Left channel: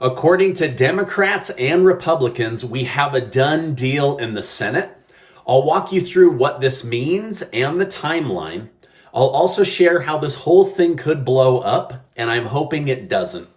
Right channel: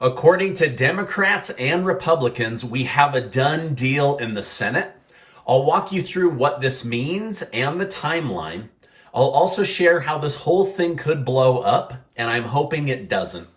According to Democrats and Republicans, we have a done deal in the Senate. I'll walk you through what this means and the timeline. I'll also share how this whole thing could blow up, and I'm hoping it doesn't.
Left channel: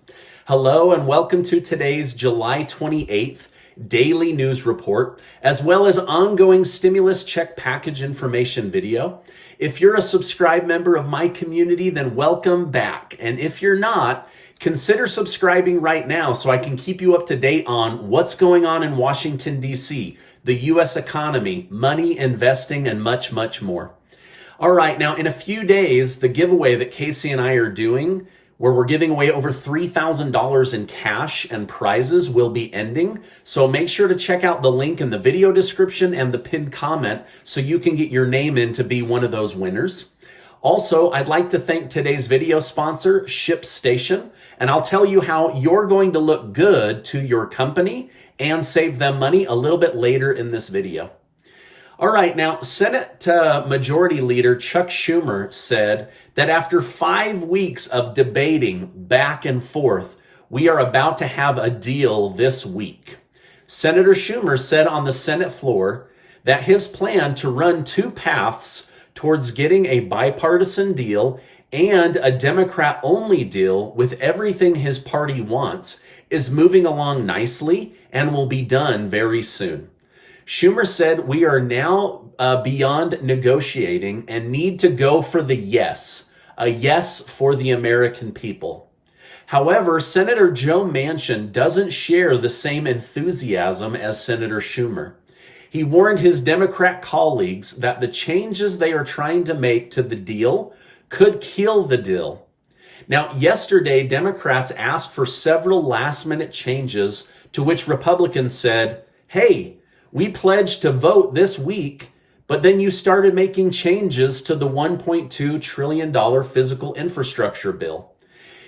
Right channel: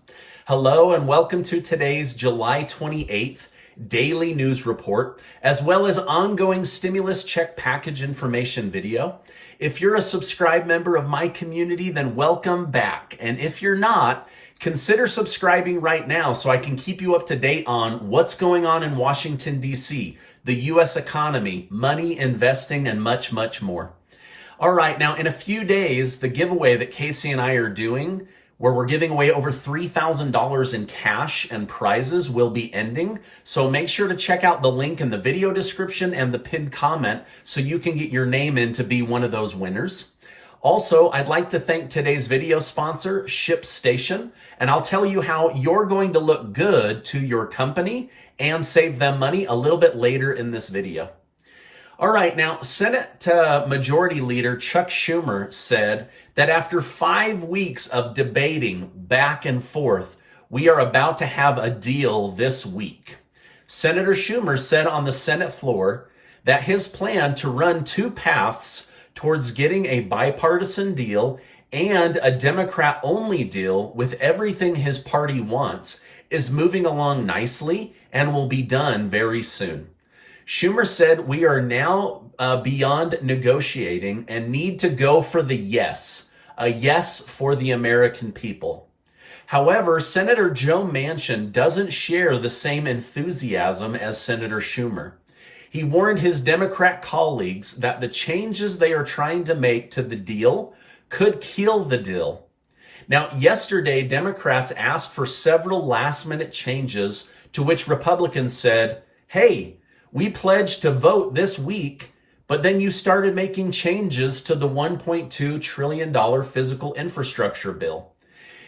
Hello and welcome to today's July 28th daily news report, as well as ongoing stimulus check package information video. If you're a subscribed member of my community, then welcome back. And if you're not, consider subscribing right now so I can keep you up to date on what's going on in Washington, D.C., the U.S. economy, money, investing, and much, much more. All right, now in a few days, the giveaway that Casey and I are doing, where we're giving away over $3,000 in cash and prizes, will be ending. So make sure to check out the link in the video description and the pinned comment so you can get your name in to be one of those winners. Also, I'd like to thank today's video sponsor, ShipStation, and I'll tell you how you're going to look good to your company and save them money a little bit later in this video. All right, now, Senate Majority Leader Chuck Schumer said that after 5 weeks of debating back and forth, we are about to have a deal this week. Senator Schumer said on the Senate floor that his plan to run two paths towards getting a bipartisan deal and a Democrat-only deal with everything his party wants is moving along nicely and will be done very soon. Schumer said we are now beyond negotiating and need to go for the yes, a yes for the American people. However, Senator Joe Manchin doesn't share the same enthusiasm as Senator Schumer. He warned his Democrat colleagues that the changes they are trying to make to the deal could kill the deal. Now, yesterday, Democrats asked for several last-minute changes to which Republicans said, hey, we pledged to vote this week, but then you started making changes to the $1.2 trillion physical infrastructure bill.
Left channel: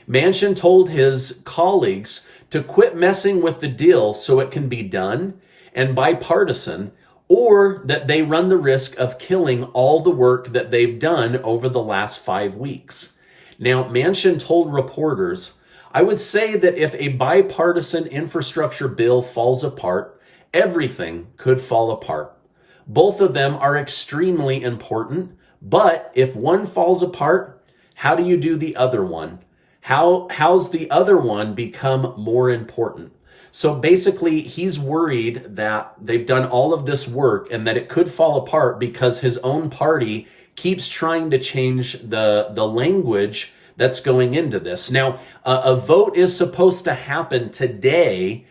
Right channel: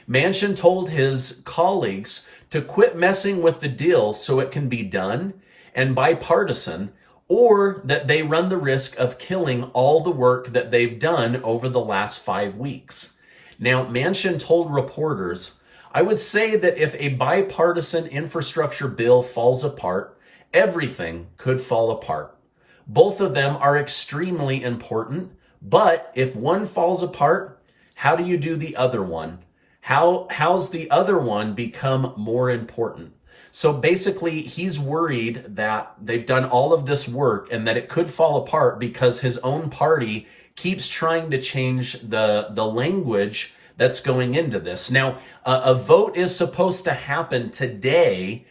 Manchin told his colleagues to quit messing with the deal so it can be done and bipartisan, or that they run the risk of killing all the work that they've done over the last 5 weeks. Now, Manchin told reporters, I would say that if a bipartisan infrastructure bill falls apart, everything could fall apart. Both of them are extremely important, but if one falls apart, how do you do the other one? How's the other one become more important? So basically, he's worried that they've done all of this work and that it could fall apart because his own party keeps trying to change the language that's going into this. Now, a vote is supposed to happen today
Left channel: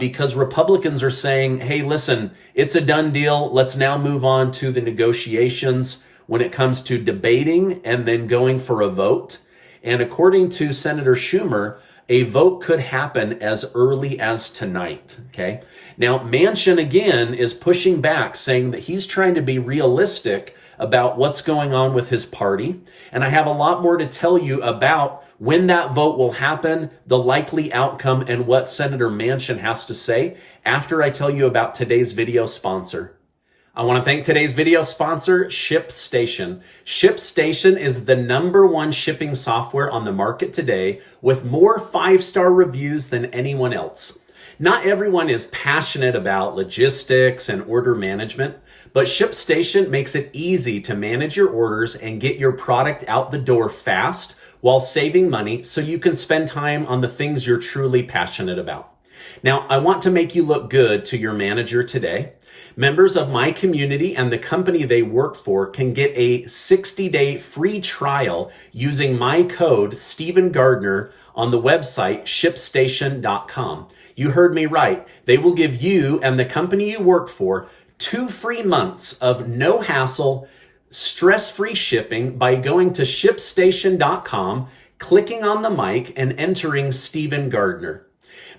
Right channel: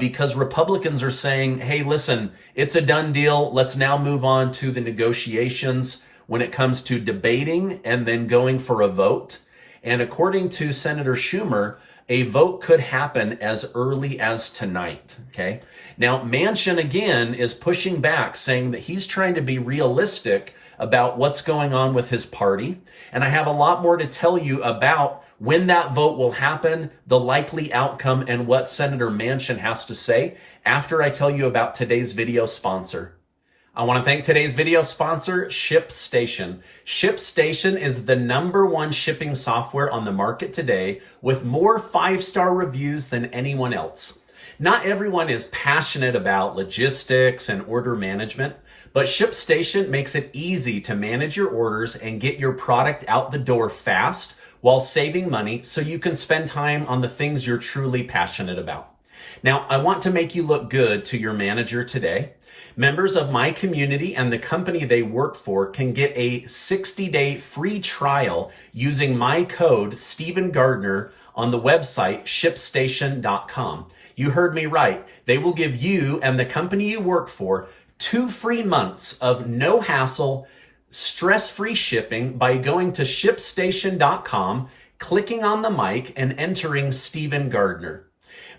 because Republicans are saying, hey, listen, it's a done deal. Let's now move on to the negotiations when it comes to debating and then going for a vote. And according to Senator Schumer, a vote could happen as early as tonight, okay? Now, Manchin, again, is pushing back, saying that he's trying to be realistic about what's going on with his party. And I have a lot more to tell you about when that vote will happen, the likely outcome, and what Senator Manchin has to say after I tell you about today's video sponsor. I want to thank today's video sponsor, ShipStation. ShipStation is the #1 shipping software on the market today with more 5-star reviews than anyone else. Not everyone is passionate about logistics and order management, but ShipStation makes it easy to manage your orders and get your product out the door fast while saving money so you can spend time on the things you're truly passionate about. Now, I want to make you look good to your manager today. Members of my community and the company they work for can get a 60-day free trial using my code, Stephen Gardner, on the website ShipStation.com. You heard me right. They will give you and the company you work for 2 free months of no hassle, stress-free shipping by going to ShipStation.com, clicking on the mic, and entering Stephen Gardner.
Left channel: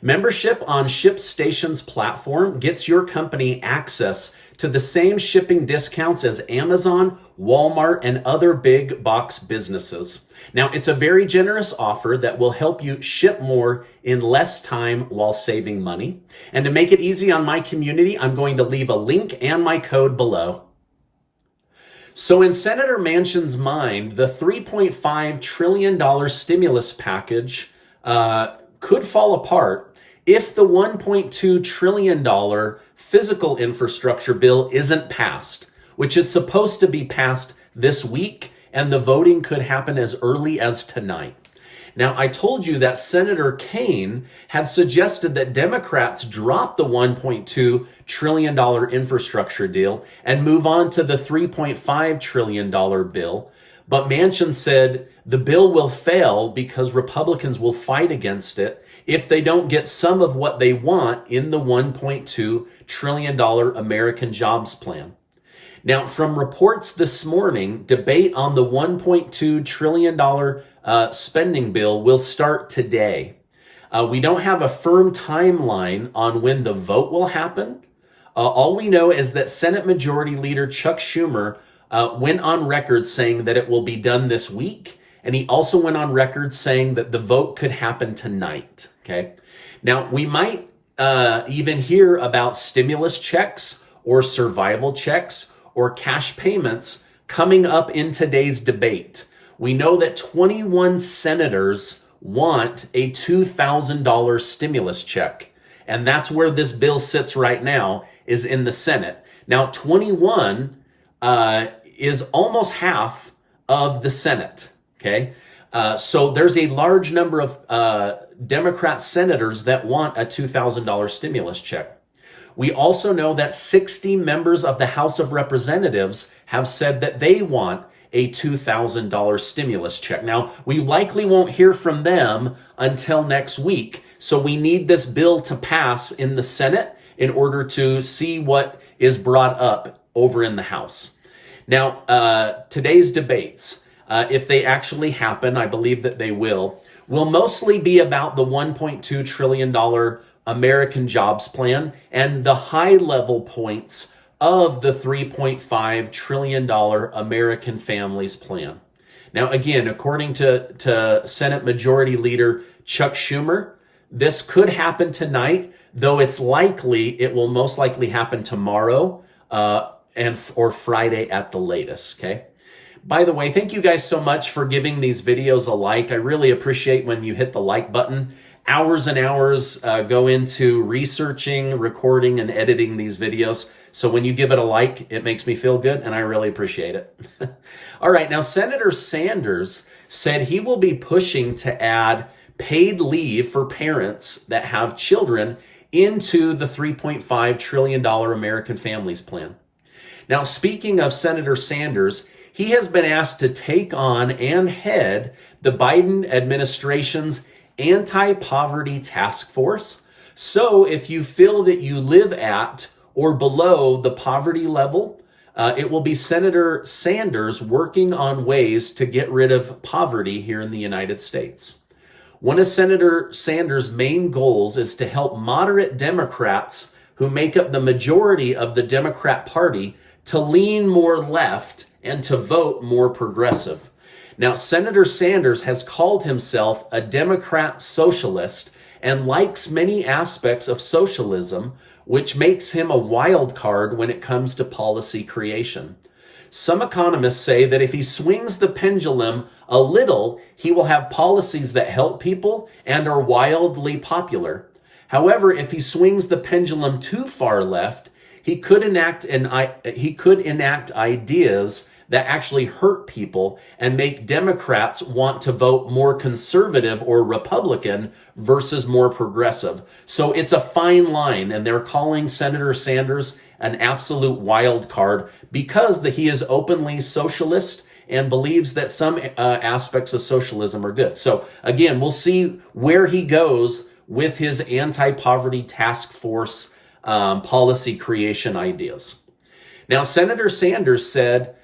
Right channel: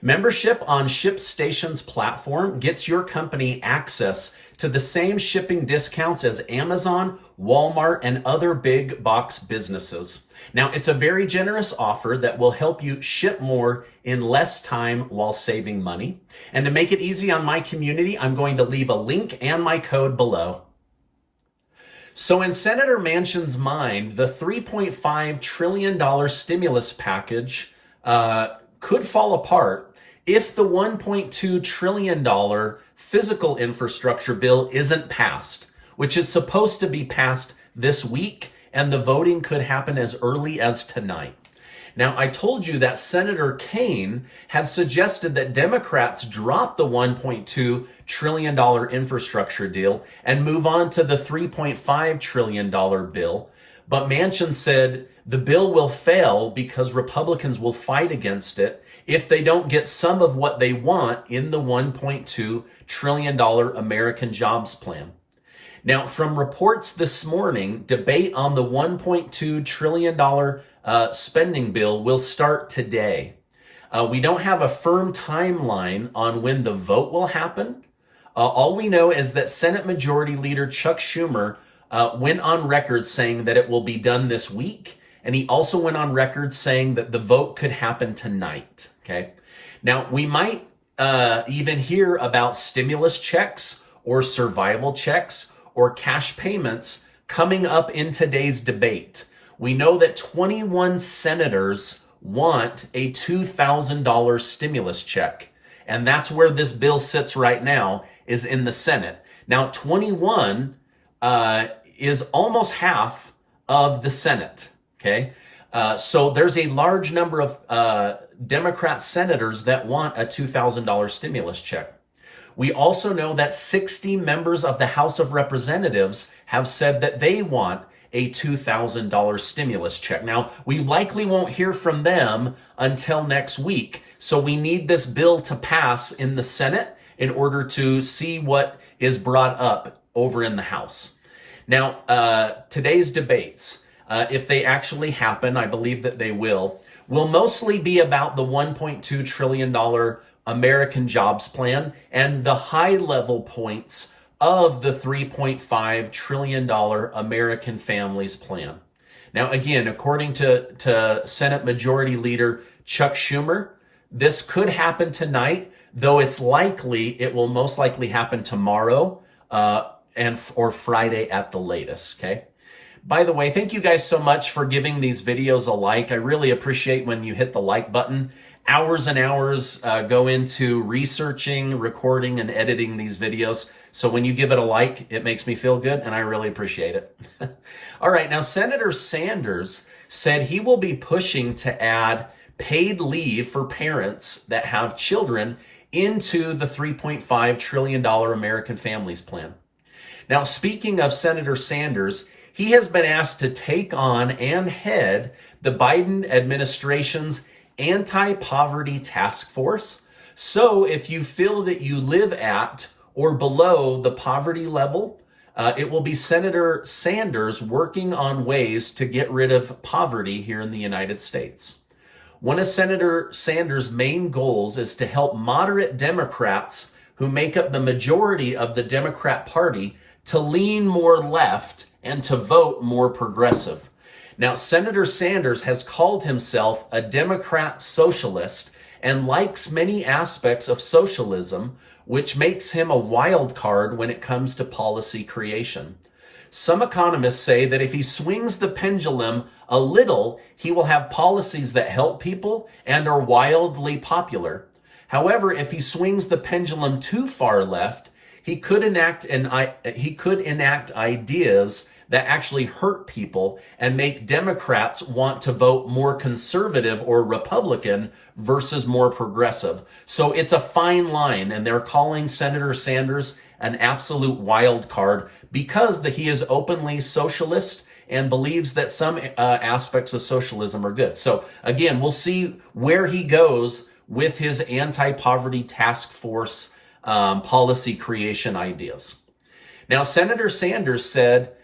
Membership on ShipStation's platform gets your company access to the same shipping discounts as Amazon, Walmart, and other big box businesses. Now, it's a very generous offer that will help you ship more in less time while saving money. And to make it easy on my community, I'm going to leave a link and my code below. So in Senator Manchin's mind, the $3.5 trillion stimulus package could fall apart if the $1.2 trillion physical infrastructure bill isn't passed, which is supposed to be passed this week, and the voting could happen as early as tonight. Now, I told you that Senator Kaine had suggested that Democrats drop the $1.2 trillion infrastructure deal and move on to the $3.5 trillion bill. But Manchin said the bill will fail because Republicans will fight against it if they don't get some of what they want in the $1.2 trillion American Jobs Plan. Now, from reports this morning, debate on the $1.2 trillion spending bill will start today. We don't have a firm timeline on when the vote will happen. All we know is that Senate Majority Leader Chuck Schumer went on record saying that it will be done this week. And he also went on record saying that the vote could happen tonight. Okay. Now, we might even hear about stimulus checks or survival checks or cash payments coming up in today's debate. We know that 21 senators want a $2,000 stimulus check. And that's where this bill sits right now, is in the Senate. Now, 21 is almost half of the Senate, okay? So there's a large number of Democrat senators that want a $2,000 stimulus check. We also know that 60 members of the House of Representatives have said that they want a $2,000 stimulus check. Now, we likely won't hear from them until next week, so we need this bill to pass in the Senate in order to see what is brought up over in the House. Now, today's debates, if they actually happen, I believe that they will mostly be about the $1.2 trillion American Jobs Plan and the high-level points of the $3.5 trillion American Families Plan. Now, again, according to Senate Majority Leader Chuck Schumer, this could happen tonight, though it will most likely happen tomorrow or Friday at the latest, okay? By the way, thank you guys so much for giving these videos a like. I really appreciate when you hit the like button. Hours and hours go into researching, recording, and editing these videos. So when you give it a like, it makes me feel good, and I really appreciate it. All right, now Senator Sanders said he will be pushing to add paid leave for parents that have children into the $3.5 trillion American Families Plan. Now, speaking of Senator Sanders, he has been asked to take on and head the Biden administration's anti-poverty task force. So if you feel that you live at or below the poverty level, it will be Senator Sanders working on ways to get rid of poverty here in the United States. One of Senator Sanders' main goals is to help moderate Democrats who make up the majority of the Democrat Party to lean more left and to vote more progressive. Now, Senator Sanders has called himself a Democrat socialist and likes many aspects of socialism, which makes him a wild card when it comes to policy creation. Some economists say that if he swings the pendulum a little, he will have policies that help people and are wildly popular. However, if he swings the pendulum too far left, he could enact ideas that actually hurt people and make Democrats want to vote more conservative or Republican versus more progressive. So it's a fine line, and they're calling Senator Sanders an absolute wild card because he is openly socialist and believes that some aspects of socialism are good. So again, we'll see where he goes with his anti-poverty task force policy creation ideas. Now, Senator Sanders said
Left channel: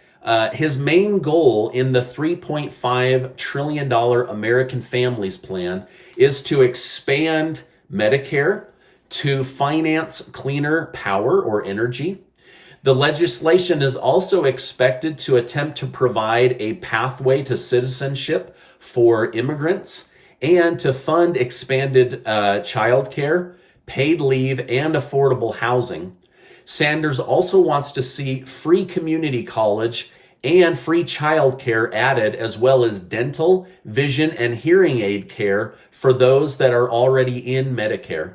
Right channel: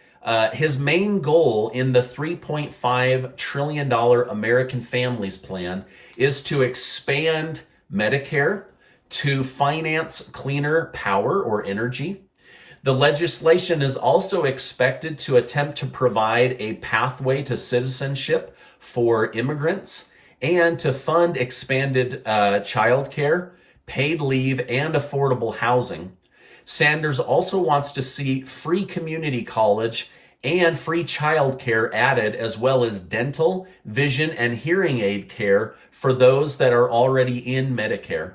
his main goal in the $3.5 trillion American Families Plan is to expand Medicare, to finance cleaner power or energy. The legislation is also expected to attempt to provide a pathway to citizenship for immigrants and to fund expanded childcare, paid leave, and affordable housing. Sanders also wants to see free community college and free childcare added, as well as dental, vision, and hearing aid care for those that are already in Medicare.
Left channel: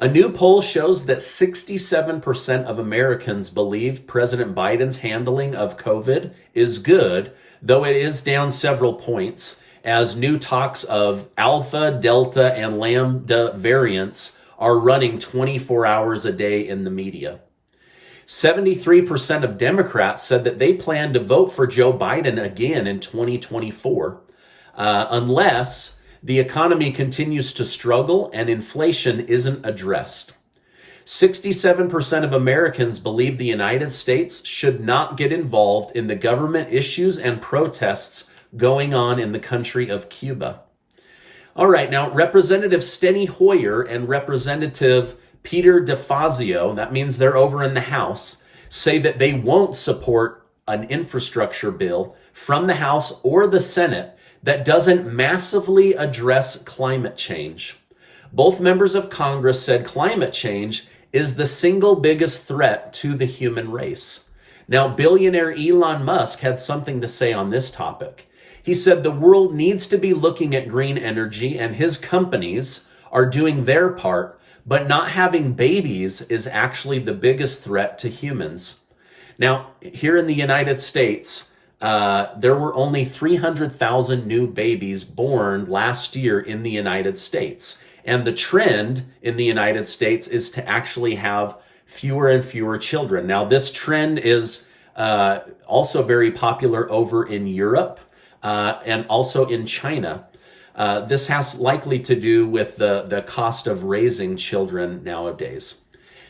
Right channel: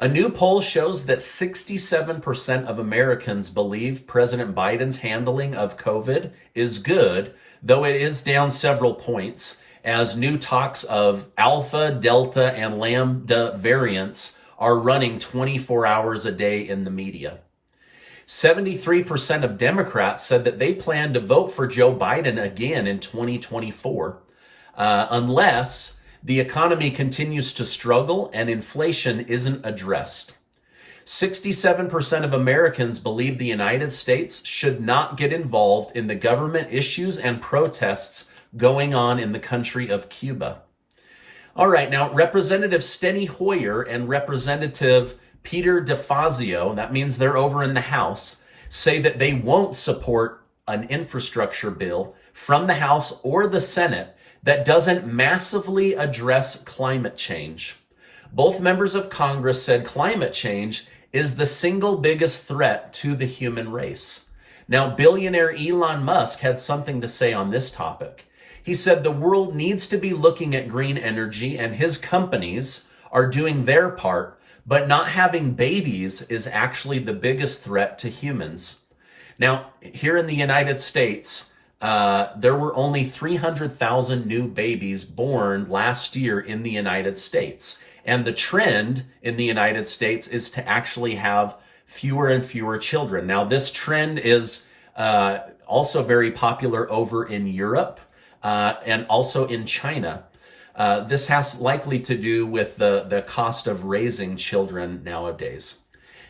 A new poll shows that 67% of Americans believe President Biden's handling of COVID is good, though it is down several points as new talks of Alpha, Delta, and Lambda variants are running 24 hours a day in the media. 73% of Democrats said that they plan to vote for Joe Biden again in 2024, unless the economy continues to struggle and inflation isn't addressed. 67% of Americans believe the United States should not get involved in the government issues and protests going on in the country of Cuba. All right, now Representative Steny Hoyer and Representative Peter DeFazio, that means they're over in the House, say that they won't support an infrastructure bill from the House or the Senate that doesn't massively address climate change. Both members of Congress said climate change is the single biggest threat to the human race. Now, billionaire Elon Musk had something to say on this topic. He said the world needs to be looking at green energy and his companies are doing their part, but not having babies is actually the biggest threat to humans. Now, here in the United States, there were only 300,000 new babies born last year in the United States. And the trend in the United States is to actually have fewer and fewer children. Now, this trend is also very popular over in Europe and also in China. This has likely to do with the cost of raising children nowadays.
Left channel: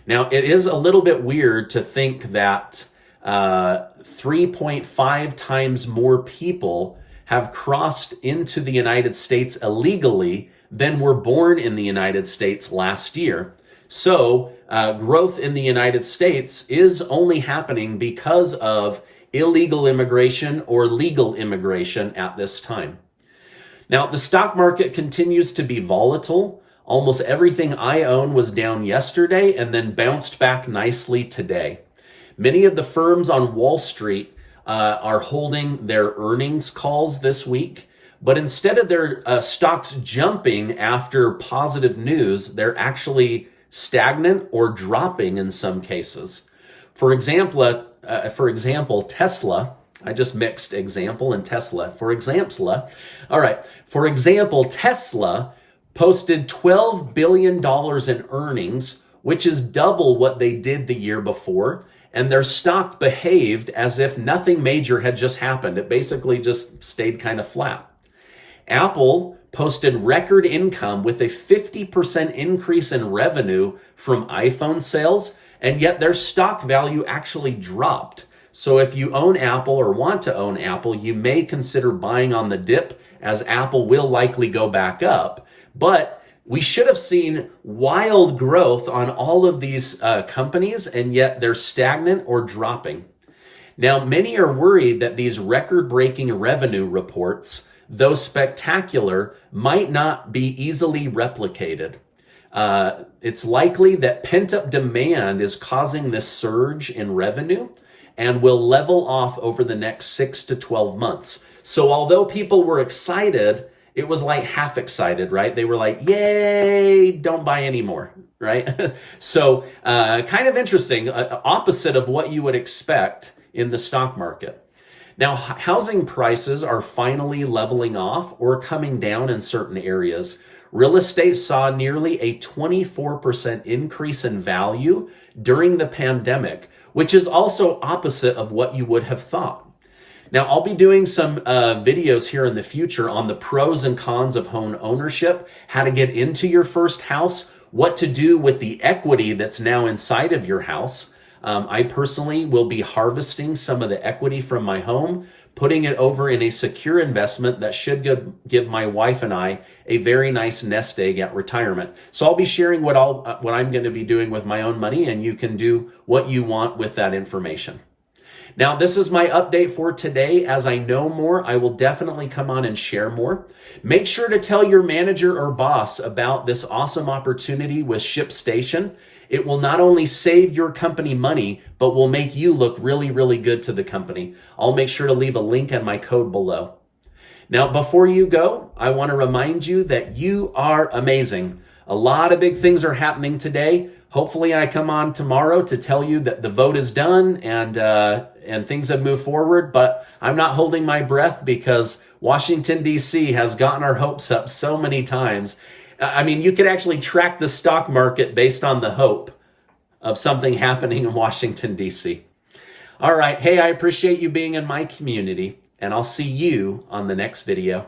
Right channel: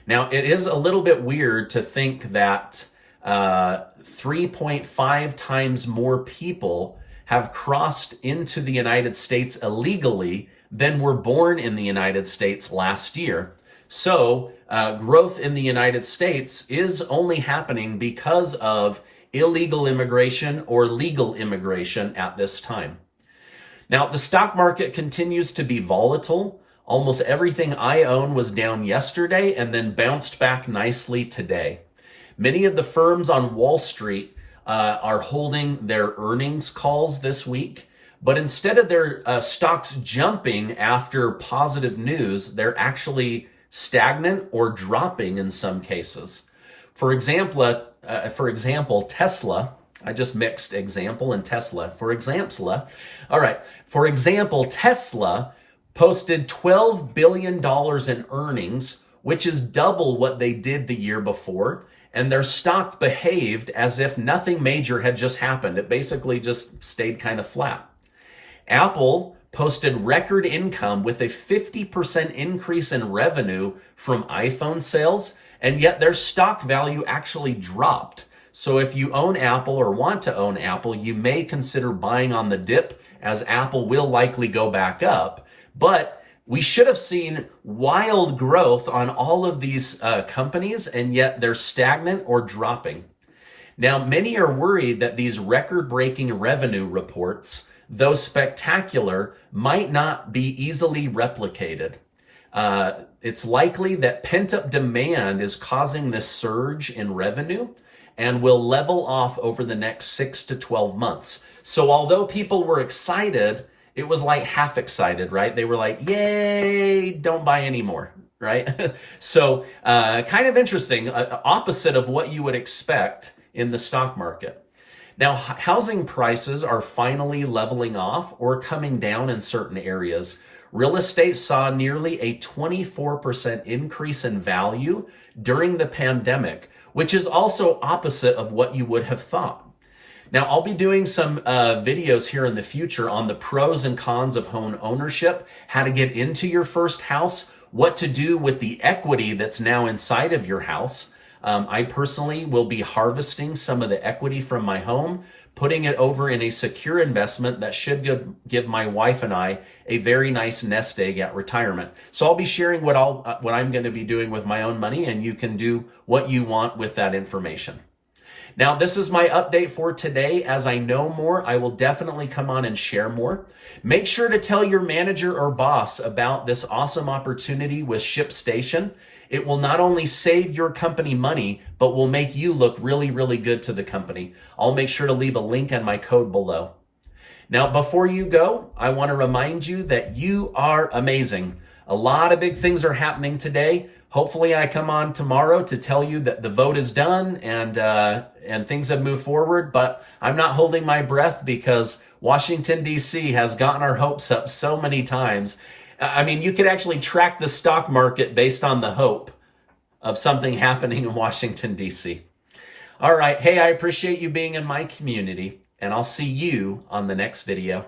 Now, it is a little bit weird to think that 3.5 times more people have crossed into the United States illegally than were born in the United States last year. So growth in the United States is only happening because of illegal immigration or legal immigration at this time. Now, the stock market continues to be volatile. Almost everything I own was down yesterday and then bounced back nicely today. Many of the firms on Wall Street are holding their earnings calls this week, but instead of their stocks jumping after positive news, they're actually stagnant or dropping in some cases. For example, Tesla. I just mixed example and Tesla. For example, Tesla posted $12 billion in earnings, which is double what they did the year before. And their stock behaved as if nothing major had just happened. It basically just stayed kind of flat. Apple posted record income with a 50% increase in revenue from iPhone sales, and yet their stock value actually dropped. So if you own Apple or want to own Apple, you may consider buying on the dip, as Apple will likely go back up. But we should have seen wild growth on all of these companies, and yet they're stagnant or dropping. Now, many are worried that these record-breaking revenue reports, though spectacular, might not be easily replicated. It's likely that pent-up demand is causing this surge in revenue and will level off over the next 6 to 12 months. So although people were excited, it was like half excited, right? They were like, yay, don't buy anymore, right? So kind of interesting, opposite of what you would expect in the stock market. Now, housing prices are finally leveling off or coming down in certain areas. Real estate saw nearly a 24% increase in value during the pandemic, which is also opposite of what you would have thought. Now, I'll be doing some videos here in the future on the pros and cons of home ownership, how to get into your first house, what to do with the equity that's now inside of your house. I personally will be harvesting some of the equity from my home, putting it over in a secure investment that should give my wife and I a very nice nest egg at retirement. So I'll be sharing what I'm going to be doing with my own money, and you can do what you want with that information. Now, this is my update for today. As I know more, I will definitely come on and share more. Make sure to tell your manager or boss about this awesome opportunity with ShipStation. It will not only save your company money, but will make you look really, really good to the company. I'll make sure to leave a link and my code below. Now, before you go, I want to remind you that you are amazing. A lot of big things are happening today. Hopefully I come on tomorrow to tell you that the vote is done and things have moved forward, but I'm not holding my breath because Washington, D.C. has gotten our hopes up so many times. I mean, you could actually track the stock market based on the hope of something happening in Washington, D.C. All right. Hey, I appreciate you being in my community, and I'll see you on the next video.